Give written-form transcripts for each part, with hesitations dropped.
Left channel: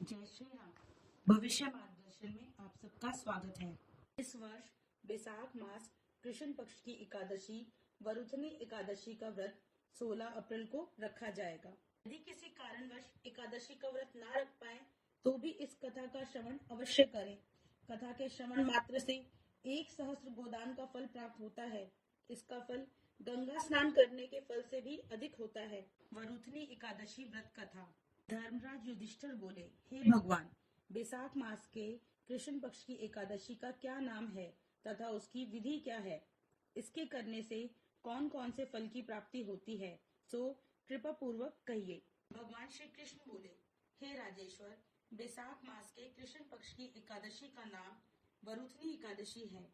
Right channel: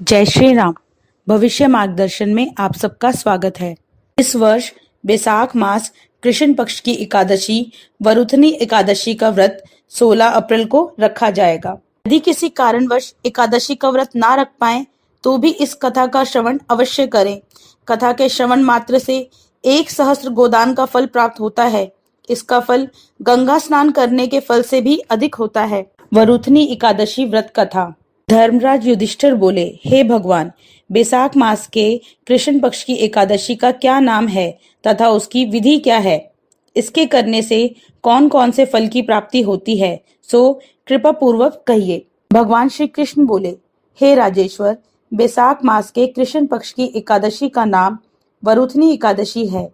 जय श्री राम। भविष्य मार्गदर्शन में आप सबका स्वागत है। इस वर्ष बैसाख मास कृष्ण पक्ष की एकादशी वरुथनी एकादशी का व्रत 16 अप्रैल को रखा जाएगा। यदि किसी कारणवश एकादशी का व्रत ना रख पाए तो भी इस कथा का श्रवण अवश्य करें। कथा के श्रवण मात्र से 1 सहस्त्र गोदान का फल प्राप्त होता है। इसका फल गंगा स्नान करने के फल से भी अधिक होता है। वरुथनी एकादशी व्रत कथा। धर्मराज युधिष्ठिर बोले, हे भगवान, बैसाख मास के कृष्ण पक्ष की एकादशी का क्या नाम है तथा उसकी विधि क्या है? इसके करने से कौन कौन से फल की प्राप्ति होती है, सो कृपा पूर्वक कहिए। भगवान श्री कृष्ण बोले, हे राजेश्वर, बैसाख मास के कृष्ण पक्ष की एकादशी का नाम वरुथनी एकादशी है।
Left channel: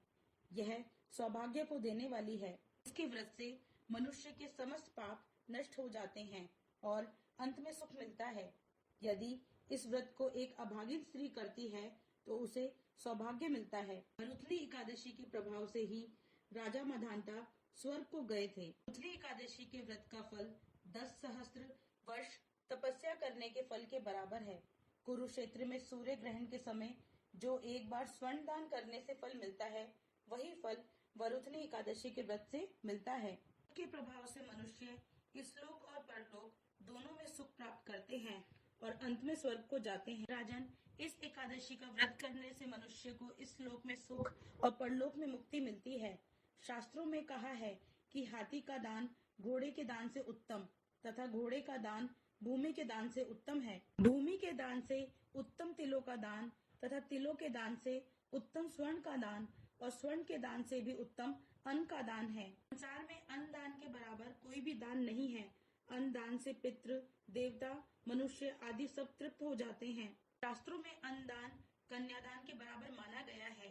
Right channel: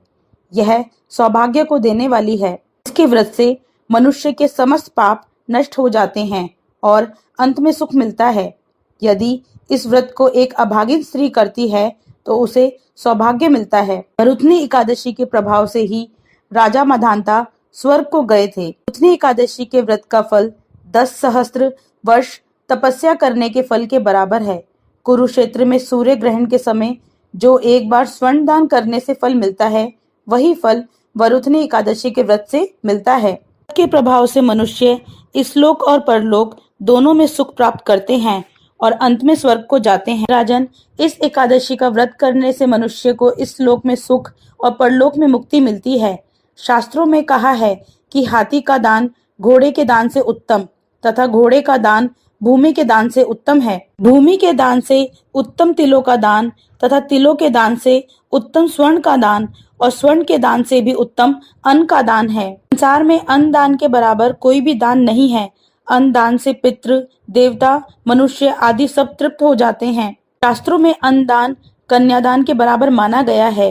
यह सौभाग्य को देने वाली है। इसके व्रत से मनुष्य के समस्त पाप नष्ट हो जाते हैं और अंत में सुख मिलता है। यदि इस व्रत को एक अभागिन स्त्री करती है तो उसे सौभाग्य मिलता है। वरुथनी एकादशी के प्रभाव से ही राजा मधांता स्वर्ग को गए थे। वरुथनी एकादशी के व्रत का फल 10 सहस्त्र वर्ष तपस्या करने के फल के बराबर है। कुरुक्षेत्र में सूर्य ग्रहण के समय जो एक बार स्वर्ण दान करने से फल मिलता है, वही फल वरुथनी एकादशी के व्रत से मिलता है। के प्रभाव से मनुष्य इस लोक और परलोक दोनों में सुख प्राप्त करते हैं और अंत में स्वर्ग को जाते हैं। राजन, इस एकादशी का व्रत करने से मनुष्य को इस लोक में सुख और परलोक में मुक्ति मिलती है। शास्त्रों में कहा है कि हाथी का दान घोड़े के दान से उत्तम तथा घोड़े का दान भूमि के दान से उत्तम है। भूमि के दान से उत्तम तिलों का दान तथा तिलों के दान से उत्तम स्वर्ण का दान और स्वर्ण के दान से भी उत्तम अन्न का दान है। संसार में अन्न दान के बराबर कोई भी दान नहीं है। अन्न दान से पितृ, देवता, मनुष्य आदि सब तृप्त हो जाते हैं। शास्त्रों में अन्न दान कन्यादान के बराबर माना गया है।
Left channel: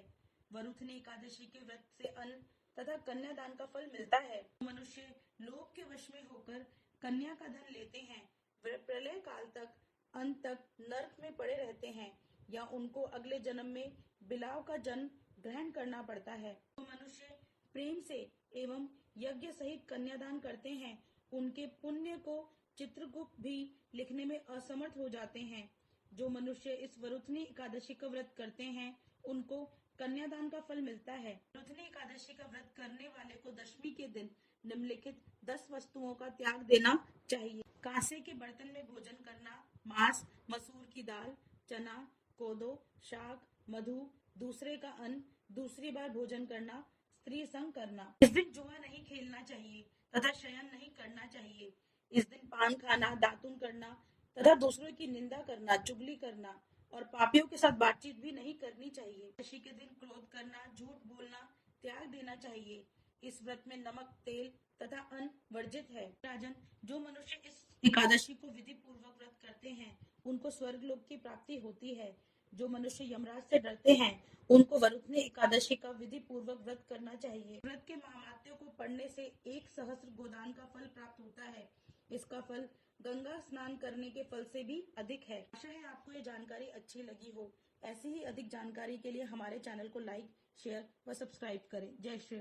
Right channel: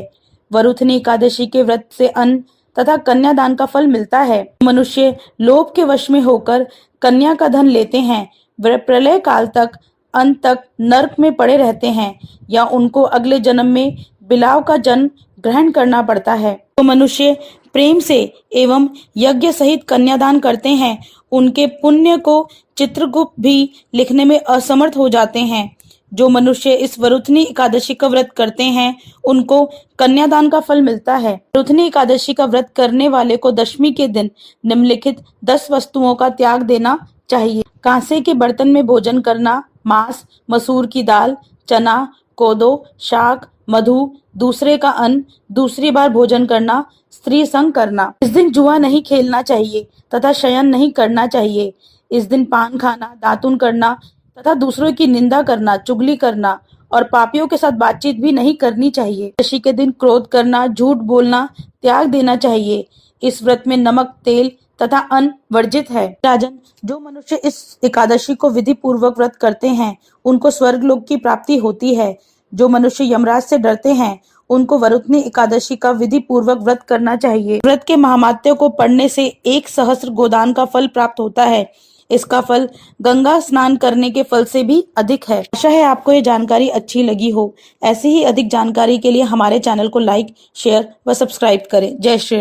वरुथनी एकादशी के व्रत से अन्न तथा कन्यादान का फल मिलता है। मनुष्य लोभ के वश में होकर कन्या का धन लेते हैं, वे प्रलय काल तक अंत तक नरक में पड़े रहते हैं या उनको अगले जन्म में बिलाव का जन्म ग्रहण करना पड़ता है। तो मनुष्य प्रेम से एवं यज्ञ सहित कन्यादान करते हैं, उनके पुण्य को चित्रगुप्त भी लिखने में असमर्थ हो जाते हैं। जो मनुष्य इस वरुथनी एकादशी का व्रत करते हैं, उनको कन्यादान का फल मिलता है। वरुथनी एकादशी का व्रत करने वाले को दशमी के दिन निम्नलिखित 10 वस्तुओं का त्याग देना चाहिए। कांसे के बर्तन में भोजन करना, मांस, मसूर की दाल, चना, कोदो, शाक, मधु, दूसरे का अन्न, दूसरी बार भोजन करना, स्त्री संग करना। इस दिन जुआ नहीं खेलना चाहिए तथा शयन नहीं करना चाहिए। इस दिन पान खाना, दातुन करना तथा दूसरों की निंदा करना, चुगली करना और पापियों के साथ बातचीत भी नहीं करनी चाहिए। एकादशी के दिन क्रोध करना, झूठ बोलना त्याग देना चाहिए। इस व्रत में नमक, तेल तथा अन्न वर्जित है। राजन, जो मनुष्य इस एकादशी को विधि पूर्वक व्रत करते हैं, उनको स्वर्ग लोक की प्राप्ति होती है। जो मनुष्य यमराज से डरते हैं, उनको वरुथनी एकादशी का विधि पूर्वक व्रत करना चाहिए। व्रत के महात्म्य को पढ़ने से 1 सहस्त्र गोदान का फल प्राप्त होता है। इसका फल गंगा स्नान करने के फल से भी अधिक है। आशा है आपको ये जानकारी अच्छी लगी हो। ऐसी ही अधिक जानकारी के लिए हमारे चैनल को लाइक, शेयर व सब्सक्राइब करें। जय श्री राम।